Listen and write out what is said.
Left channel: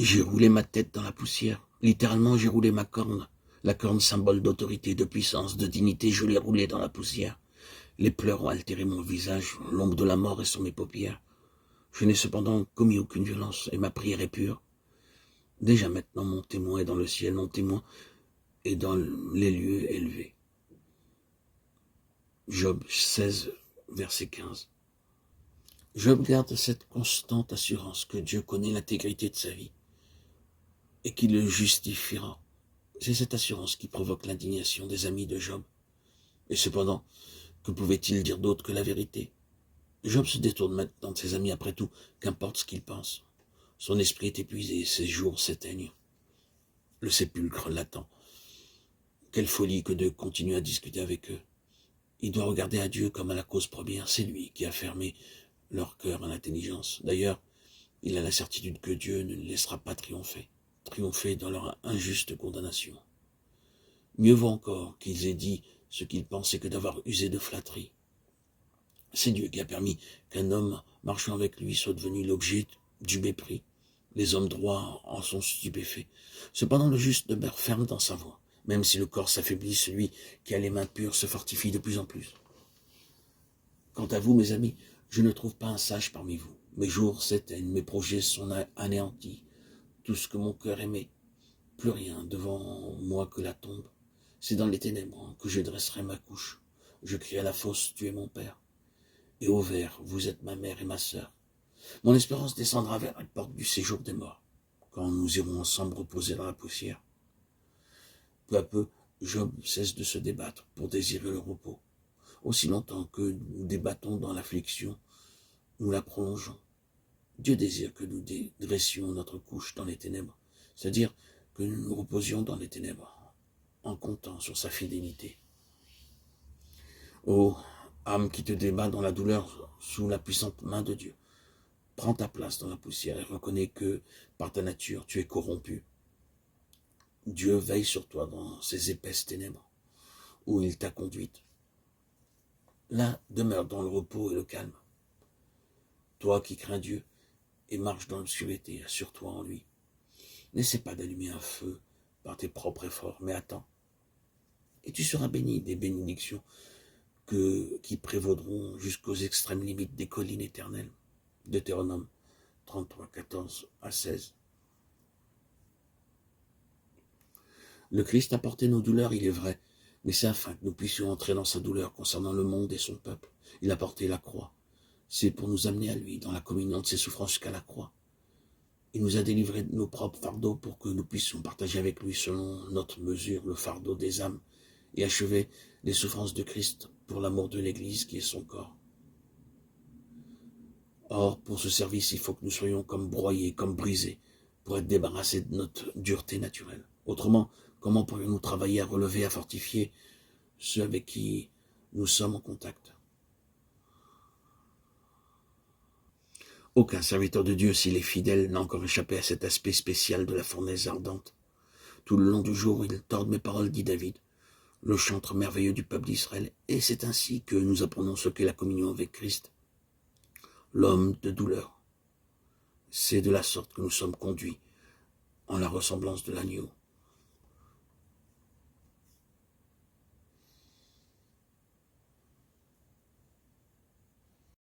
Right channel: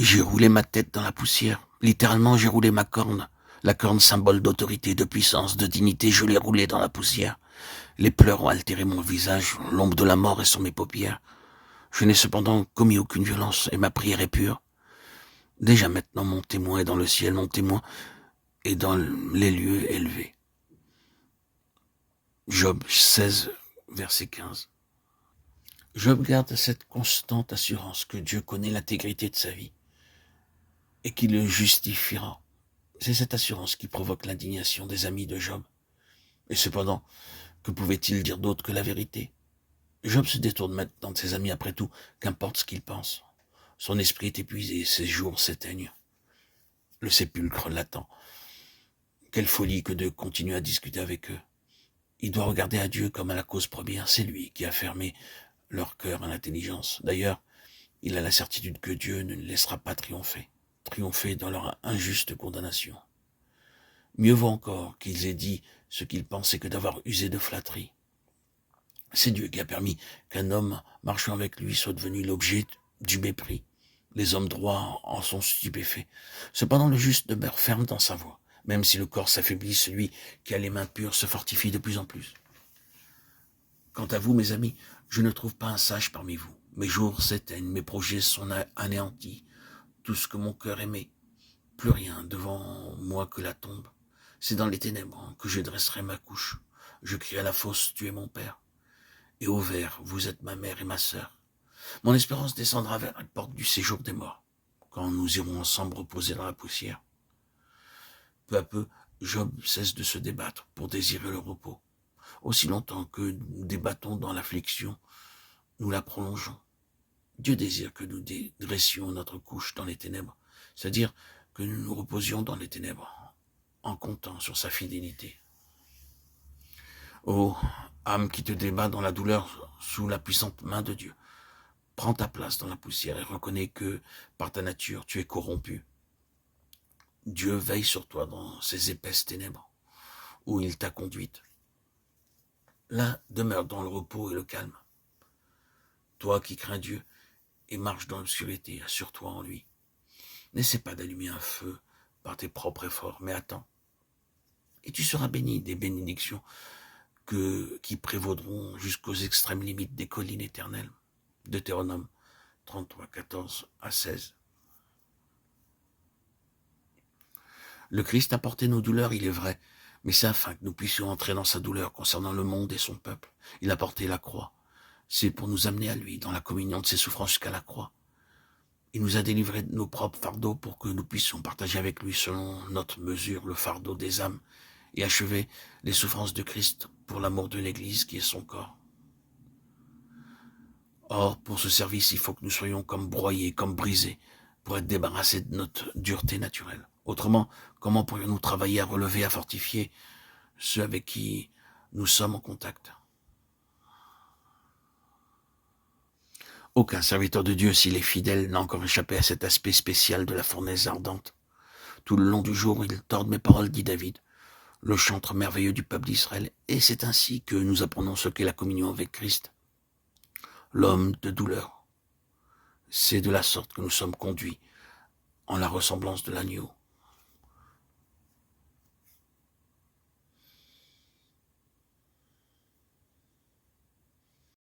J'ai roulé ma tête dans la poussière. Littéralement, j'ai roulé ma corne. La corne, symbole d'autorité, de puissance, de dignité, je l'ai roulée dans la poussière. Les pleurs ont altéré mon visage, l'ombre de la mort est sur mes paupières. Je n'ai cependant commis aucune violence, et ma prière est pure. Déjà maintenant, mon témoin est dans le ciel, mon témoin est dans les lieux élevés. Job 16, verset 15. Job garde cette constante assurance que Dieu connaît l'intégrité de sa vie et qu'il le justifiera. C'est cette assurance qui provoque l'indignation des amis de Job. Et cependant, que pouvait-il dire d'autre que la vérité? Job se détourne maintenant de ses amis après tout, qu'importe ce qu'ils pensent. Son esprit est épuisé, ses jours s'éteignent. Le sépulcre l'attend. Quelle folie que de continuer à discuter avec eux. Il doit regarder à Dieu comme à la cause première. C'est lui qui a fermé leur cœur à l'intelligence. D'ailleurs, il a la certitude que Dieu ne les laissera pas triompher dans leur injuste condamnation. Mieux vaut encore qu'ils aient dit ce qu'ils pensaient que d'avoir usé de flatterie. C'est Dieu qui a permis qu'un homme marchant avec lui soit devenu l'objet du mépris. Les hommes droits en sont stupéfaits. Cependant, le juste demeure ferme dans sa voie. Même si le corps s'affaiblit, celui qui a les mains pures se fortifie de plus en plus. Quant à vous, mes amis, je ne trouve pas un sage parmi vous. Mes jours s'éteignent, mes projets sont anéantis. Tout ce que mon cœur aimait, plus rien devant moi que la tombe. C'est dans les ténèbres que je dresserai ma couche. Je crie à la fosse, tu es mon père. Et au vert, vous êtes ma mère et ma sœur. Mon espérance descendra vers la porte du séjour des morts, quand nous irons ensemble reposer dans la poussière. Peu à peu, Job cesse de se débattre pour désirer le repos. Aussi longtemps que nous débattons dans l'affliction, nous la prolongeons. Dieu désire que nous dressions notre couche dans les ténèbres, c'est-à-dire que nous nous reposions dans les ténèbres, en comptant sur sa fidélité. Ô âme qui te débat dans la douleur sous la puissante main de Dieu, prends ta place dans la poussière et reconnais que, par ta nature, tu es corrompu. Dieu veille sur toi dans ces épaisses ténèbres, où il t'a conduite. Là, demeure dans le repos et le calme. Toi qui crains Dieu et marches dans l'obscurité, assure-toi en lui. N'essaie pas d'allumer un feu par tes propres efforts, mais attends. Et tu seras béni des bénédictions qui prévaudront jusqu'aux extrêmes limites des collines éternelles. Deutéronome 33, 14 à 16. Le Christ a porté nos douleurs, il est vrai, mais c'est afin que nous puissions entrer dans sa douleur concernant le monde et son peuple. Il a porté la croix. C'est pour nous amener à lui dans la communion de ses souffrances jusqu'à la croix. Il nous a délivrés de nos propres fardeaux pour que nous puissions partager avec lui selon notre mesure le fardeau des âmes et achever les souffrances de Christ pour l'amour de l'Église qui est son corps. Or, pour ce service, il faut que nous soyons comme broyés, comme brisés, pour être débarrassés de notre dureté naturelle. Autrement, comment pourrions-nous travailler à relever, à fortifier ceux avec qui nous sommes en contact? Aucun serviteur de Dieu, s'il est fidèle, n'a encore échappé à cet aspect spécial de la fournaise ardente. Tout le long du jour, il torde mes paroles, dit David, le chantre merveilleux du peuple d'Israël, et c'est ainsi que nous apprenons ce qu'est la communion avec Christ. L'homme de douleur. C'est de la sorte que nous sommes conduits en la ressemblance de l'agneau.